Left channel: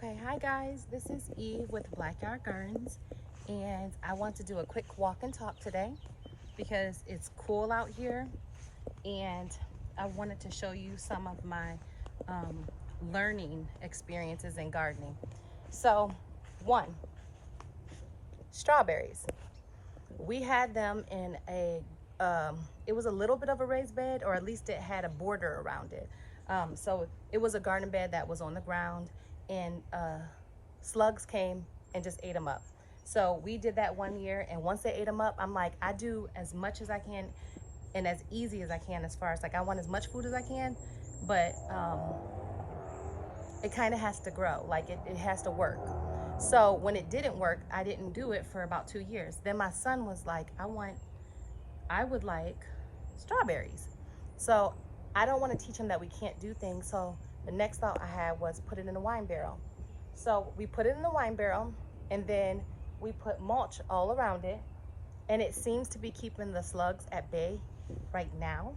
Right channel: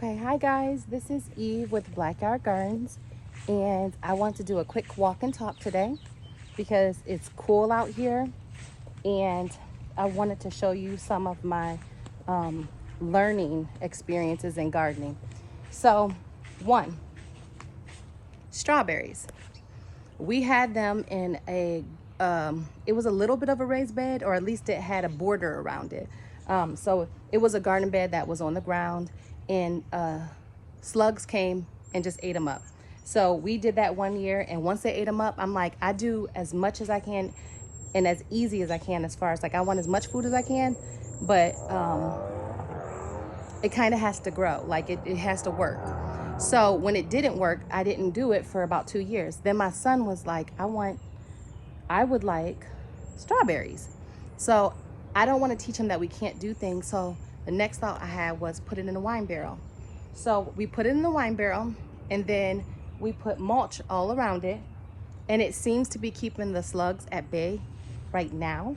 Okay, hi guys, this is Eve with BlackYard Gardens, and I want to do a quick walk and talk today because it's cool out here, and I wanted to show you some of my learning experiences in gardening. So, one, strawberries. We had them in it was a little bit of a raised bed, or at least it had a border around it. So it was a garden bed that was on the ground, and slugs came and just ate them up. So we did that one year, and once they ate them up, I'm like, I do as much as I can and as easy as I can, as far as like I want as much food as I can, but it kind of has to grow, like it has to work. So when it didn't work, I didn't do it for about 2 years. Then my son was like, I would like strawberries. So I don't want to teach him that we can't do things. So the next thought I had was put it in a wine barrel. So we put it in the wine barrel, and then we put mulch all around it, and it seems to be keeping the slugs at bay right now.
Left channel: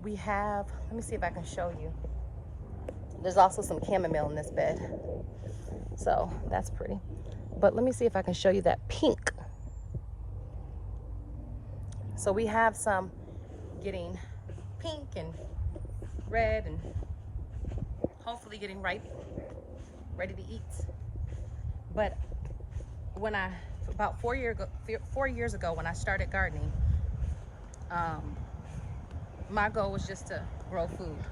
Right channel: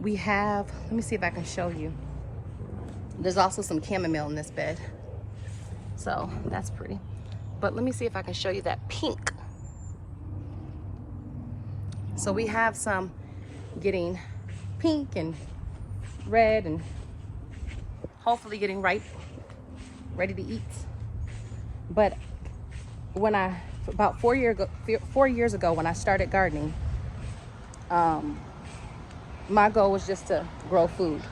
We have, let me see if I can show you. There's also some chamomile in this bed, so that's pretty. But let me see if I can show you that pink. So we have some getting pink and red, and hopefully getting ripe, ready to eat. But when about 4 years ago when I started gardening, my goal was just to grow food.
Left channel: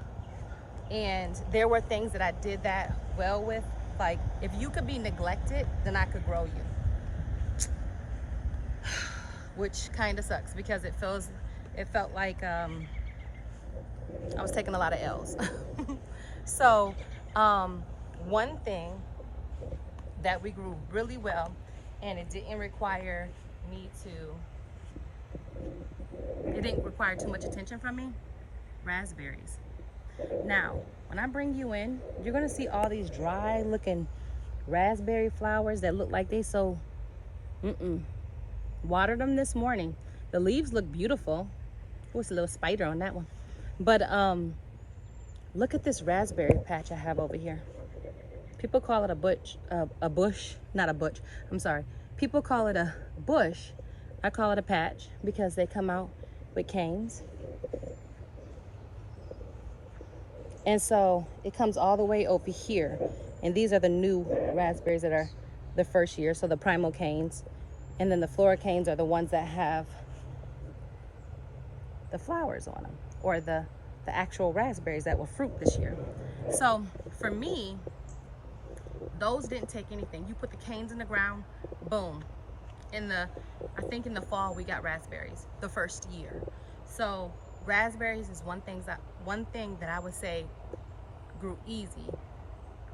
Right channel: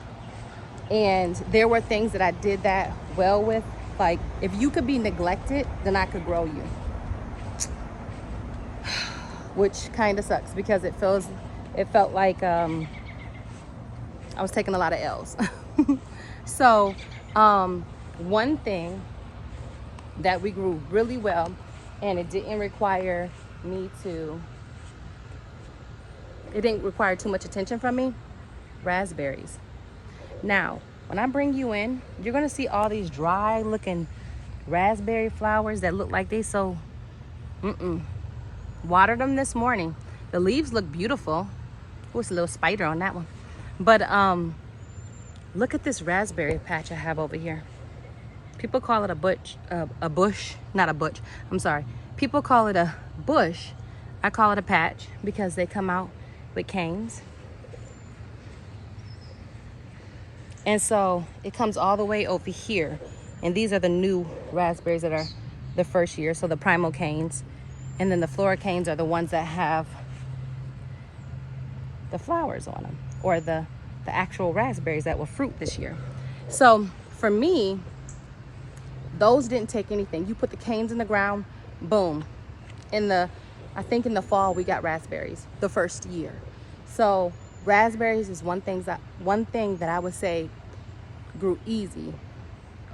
And there were things that I did that well with. Like, if you could be neglected, then I could grow you. Which kind of sucks because it felt like I was taking a lot of L's. So one thing that we grew really well, and it didn't require too much attention from me, raspberries. Now, when I bring you in, you're gonna see all these dry looking raspberry flowers that look like they so, watered them this morning. The leaves look beautiful. Oh, it's a little spider on that one. But look at this raspberry patch I have over here. People call it a bush, not a butch, I'm sorry. People call it a bush. I call it a patch because they come out with canes. And so it comes all the way over here. And these are the new raspberries that are the first year, so the primal canes. And then the flora canes are the ones that have the flowers on them, or the actual raspberries that will fruit this year. So for me, those didn't take anything. You put the canes in the ground, boom. I think in the fall we got raspberries the first year. So raspberries is one thing that I would say grew easy.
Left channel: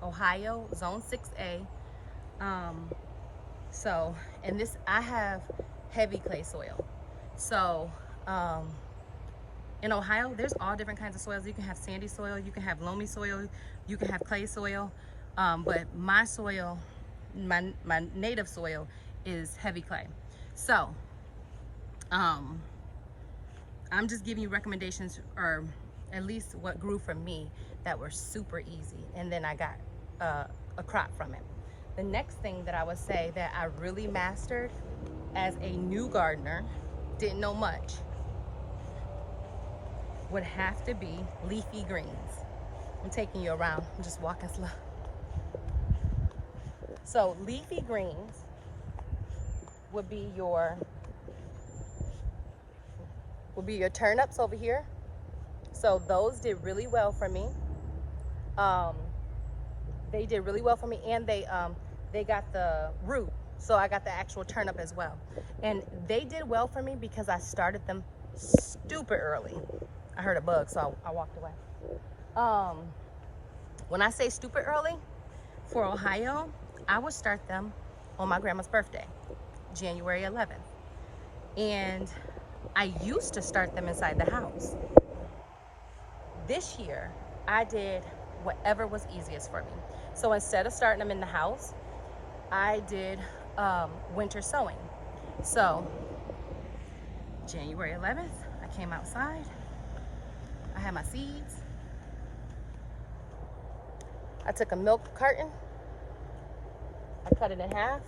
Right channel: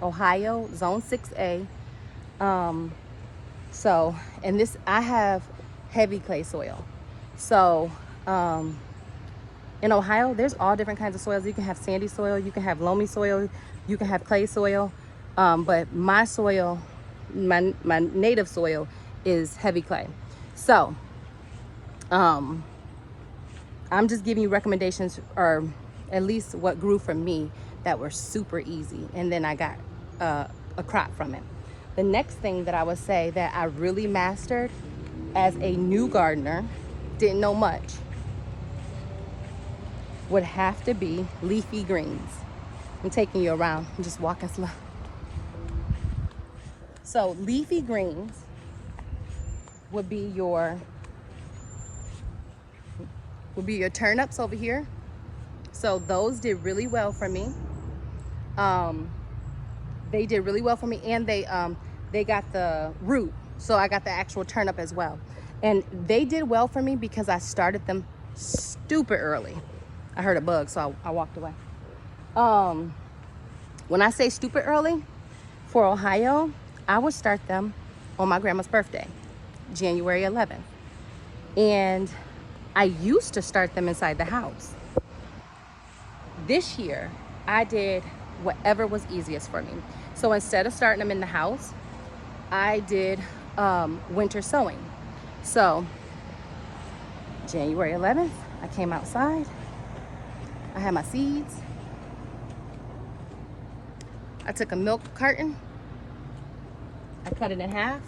Ohio, zone 6A. So, and this, I have heavy clay soil. So in Ohio, there's all different kinds of soils. You can have sandy soil, you can have loamy soil, you can have clay soil. But my soil, my native soil is heavy clay. So I'm just giving you recommendations, or at least what grew for me that were super easy. And then I got a crop from it. The next thing that I would say that I really mastered as a new gardener, didn't know much, would have to be leafy greens. I'm taking you around, I'm just walking slow. So leafy greens would be your turnips over here. So those did really well for me. They did really well for me, and they got the root, so I got the actual turnip as well. And they did well for me because I started them stupid early. I heard a bug, so I walked away. When I say stupid early, for Ohio, I would start them on my grandma's birthday, January 11th. And I used to start them inside the house. This year, I did whatever was easiest for me. So instead of starting them in the house, I did winter sowing. So January 11th, I came outside. I had my seeds. I took a milk carton I cut it in half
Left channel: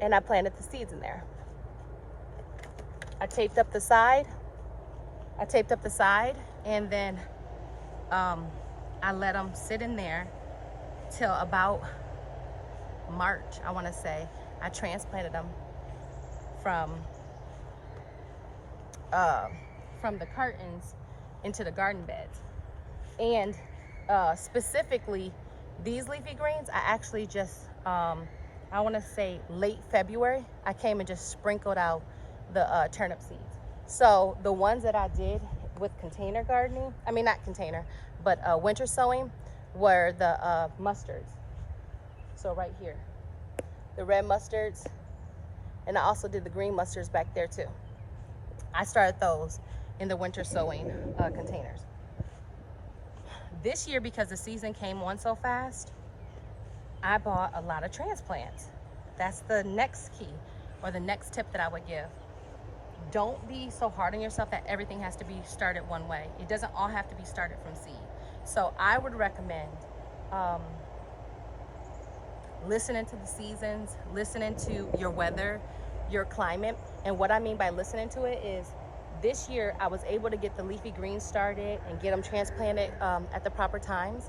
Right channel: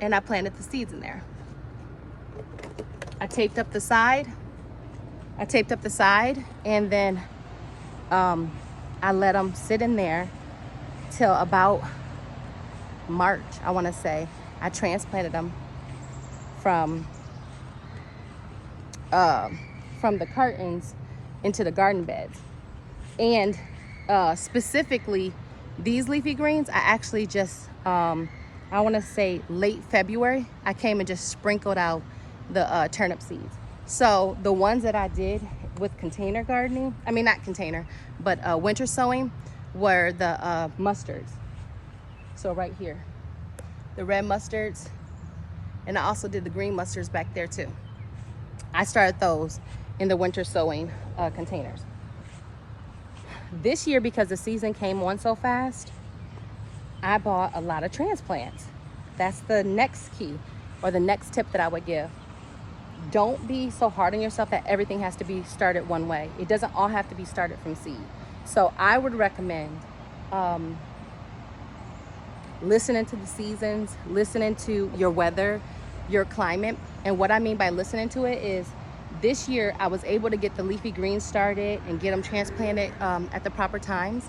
and I planted the seeds in there. I taped up the side. And then I let them sit in there till about March, I want to say. I transplanted them from the cartons into the garden beds. And specifically these leafy greens, I actually just I want to say late February, I came and just sprinkled out the turnip seeds. So the ones that I did with container gardening, I mean not container, but winter sowing, were the mustards. So right here, the red mustards, and I also did the green mustards back there too. I started those in the winter sowing containers. This year, because the season came on so fast, I bought a lot of transplants. That's the next key, or the next tip that I would give. Don't be so hard on yourself that everything has to be started one way. It doesn't all have to be started from seed. So I would recommend listening to the seasons, listening to your weather, your climate. And what I mean by listening to it is, this year I was able to get the leafy greens started and get them transplanted at the proper times.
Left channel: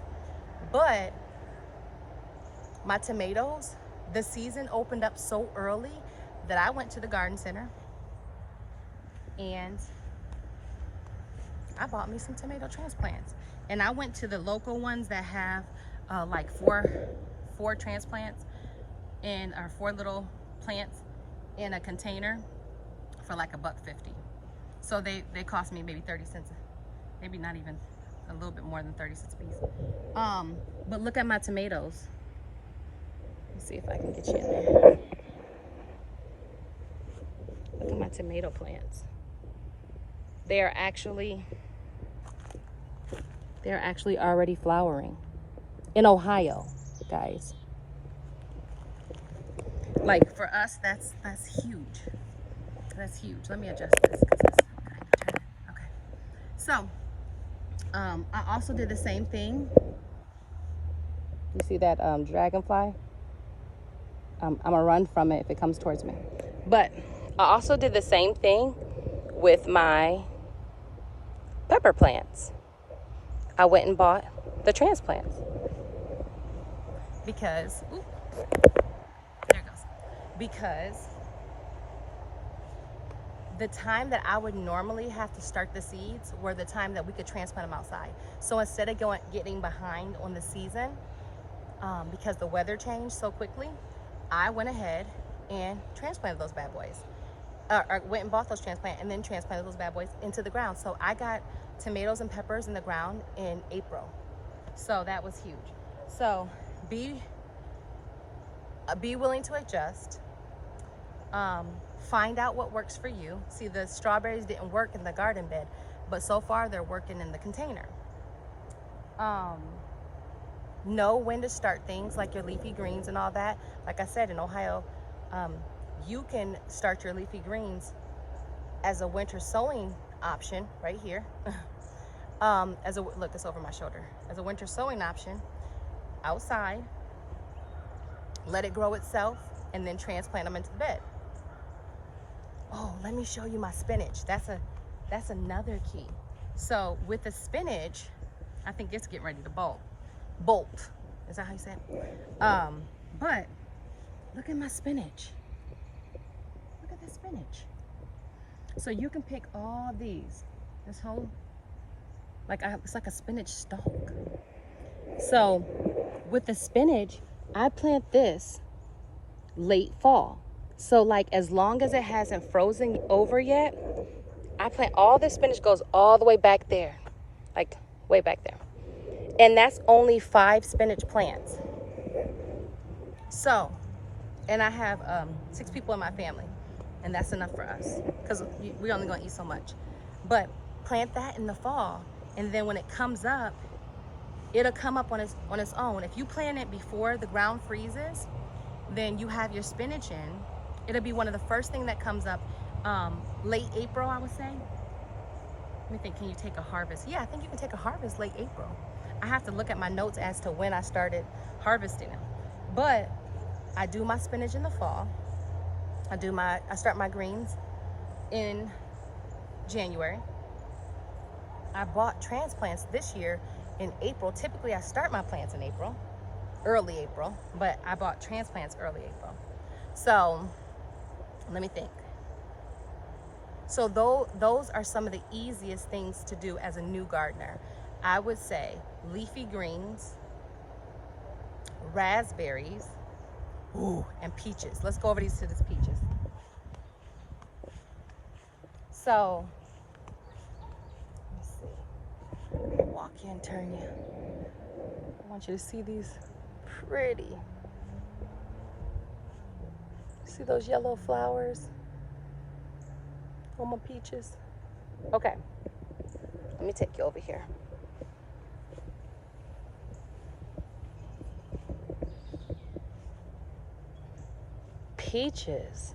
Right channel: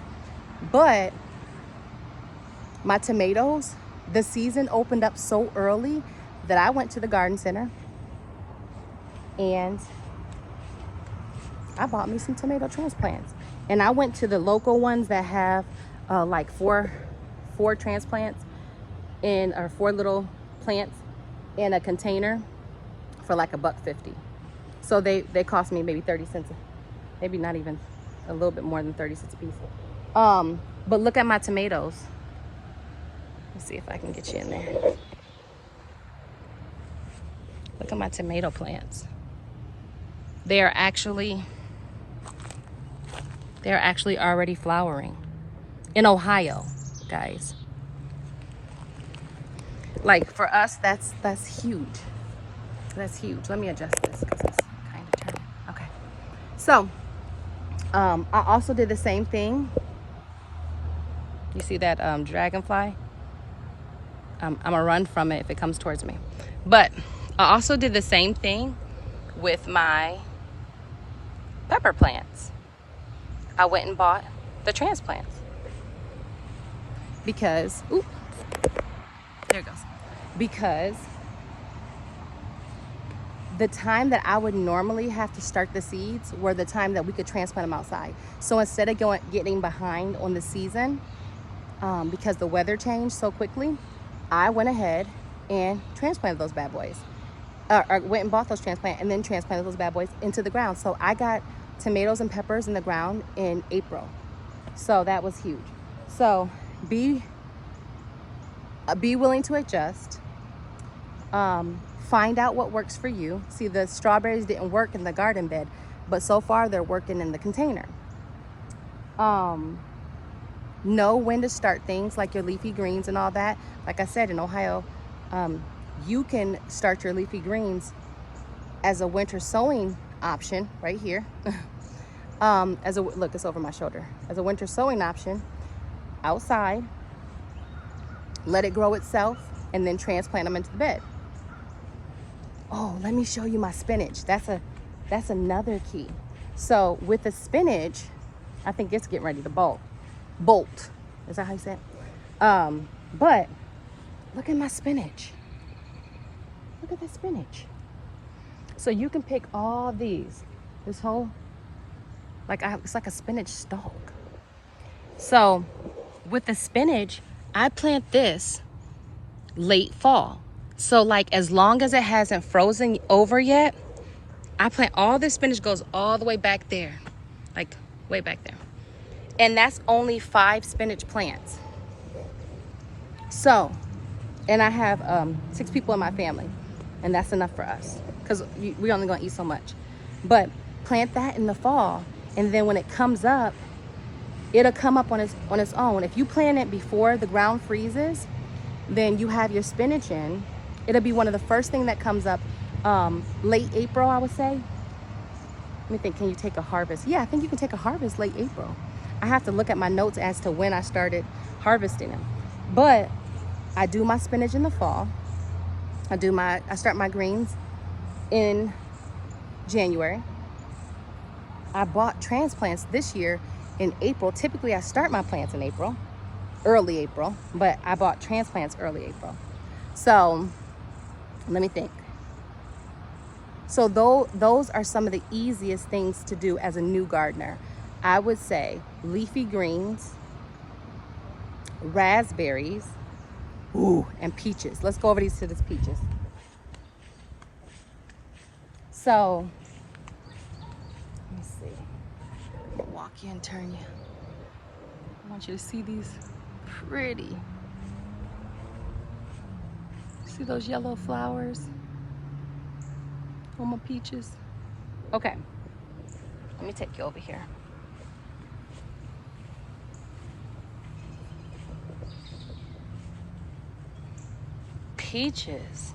But my tomatoes, the season opened up so early that I went to the garden center and I bought me some tomato transplants. And I went to the local ones that have like four transplants or 4 little plants in a container for like $1.50. So they cost me maybe 30 cents, maybe not even, a little bit more than 30 cents a piece. But look at my tomatoes. Let's see if I can get you in there. Look at my tomato plants. They are actually already flowering in Ohio, guys. Like for us, that's huge. That's huge. Let me adjust this because it's kind of turning. Okay. So I also did the same thing. You see that dragonfly? I'm gonna run from it if it comes towards me. But I also did the same thing with my pepper plants. I went and bought the transplants because, oop, there it goes. Because the time that I would normally have to start the seeds were the time that we could transplant them outside. So instead of getting behind on the season, because the weather changed so quickly, I went ahead and transplanted those bad boys. Or went and bought those transplants and then transplanted those bad boys into the ground. So I got tomatoes and peppers in the ground in April. So that was huge. So be willing to adjust. Find out what works for you. See, the strawberries didn't work in the garden bed, but so far they're working in the container. Know when to start things like your leafy greens and all that. Like I said, in Ohio, you can start your leafy greens as a winter sowing option right here. Look, it's over my shoulder. As a winter sowing option outside, let it grow itself, and then transplant them into the bed. Oh, let me show you my spinach. That's another key. So with the spinach, I think it's getting ready to bolt. Is that how you say it? But look at my spinach. Look at the spinach. So you can pick all these. This whole, it's like a spinach stalk. So with the spinach, I plant this late fall. So like as long as it hasn't frozen over yet, I plant all this spinach goes all the way back there, like way back there. And that's only 5 spinach plants. So, and I have 6 people in my family, and that's enough for us because we only gonna eat so much. But plant that in the fall, and then when it comes up, it'll come up on its own. If you plant it before the ground freezes, then you have your spinach in. It'll be one of the first thing that comes up late April, I would say. Let me think, can you take a harvest? Yeah, I think you can take a harvest late April. I have to look at my notes as to when I started harvesting them. But I do my spinach in the fall. I start my greens in January. I bought transplants this year in April. Typically I start my plants in April, early April, but I bought transplants early April. So let me think. So those are some of the easiest things to do as a new gardener. I would say leafy greens, raspberries, ooh, and peaches. Let's go over these to this peaches. So, let me see. Walk you and turn you. I want you to see these pretty. See those yellow flowers on my peaches? Okay, let me take you over here. Peaches,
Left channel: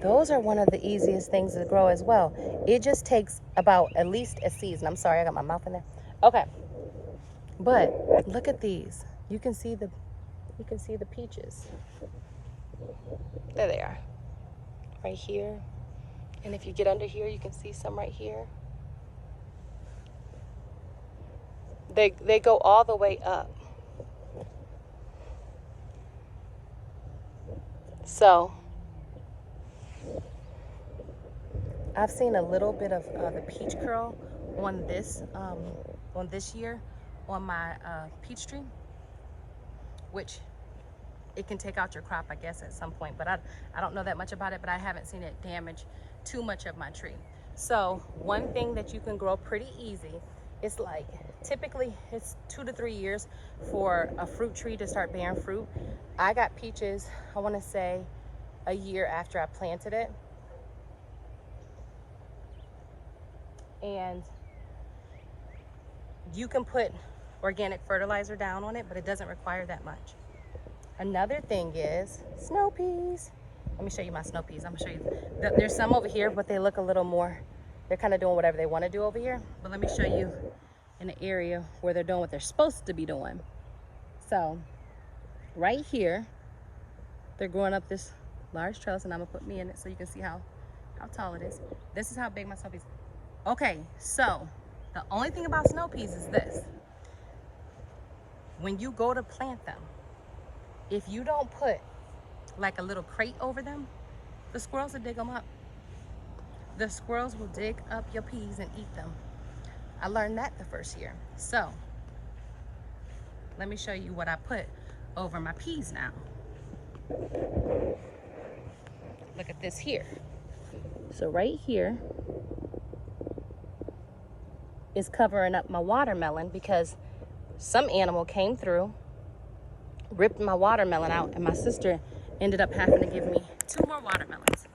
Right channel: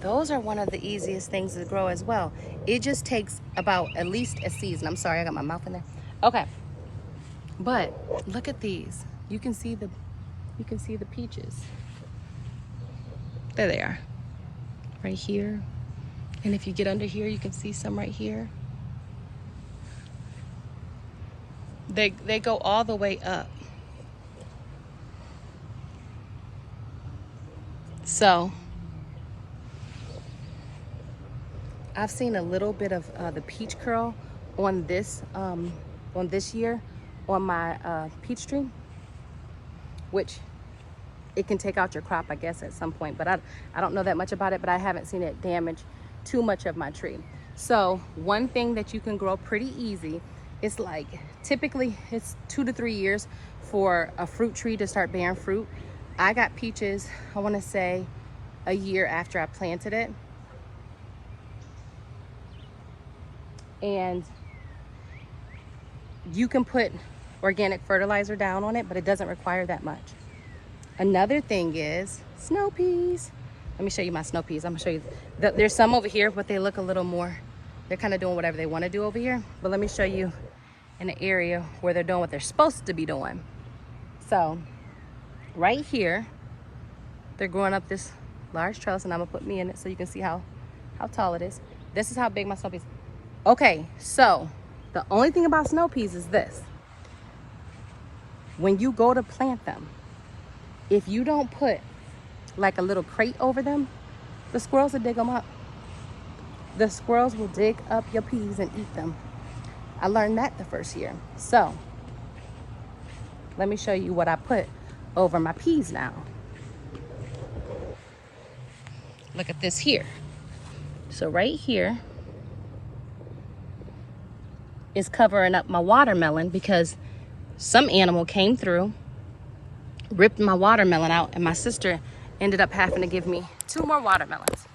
those are one of the easiest things to grow as well. It just takes about at least a season. I'm sorry, I got my mouth in there. Okay, but look at these. You can see the peaches. There they are, right here. And if you get under here, you can see some right here. They go all the way up. So I've seen a little bit of the peach curl on this year on my peach tree, which it can take out your crop, I guess, at some point. But I don't know that much about it, but I haven't seen it damage too much of my tree. So one thing that you can grow pretty easy, it's like typically it's 2 to 3 years for a fruit tree to start bearing fruit. I got peaches, I want to say a year after I planted it. And you can put organic fertilizer down on it, but it doesn't require that much. Another thing is snow peas. Let me show you my snow peas. I'm gonna show you. There's some over here, but they look a little more, they're kind of doing whatever they want to do over here. But let me show you in the area where they're doing what they're supposed to be doing. So right here, they're growing up this large trellis, and I'm gonna put me in it so you can see how tall it is. This is how big my snow peas. Okay, so the only thing about snow peas is this. When you go to plant them, if you don't put like a little crate over them, the squirrels will dig them up. The squirrels will dig up your peas and eat them. I learned that the first year. So let me show you what I put over my peas now. Look at this here. So right here is covering up my watermelon because some animal came through, ripped my watermelon out, and my sister ended up having to give me 2 more watermelons.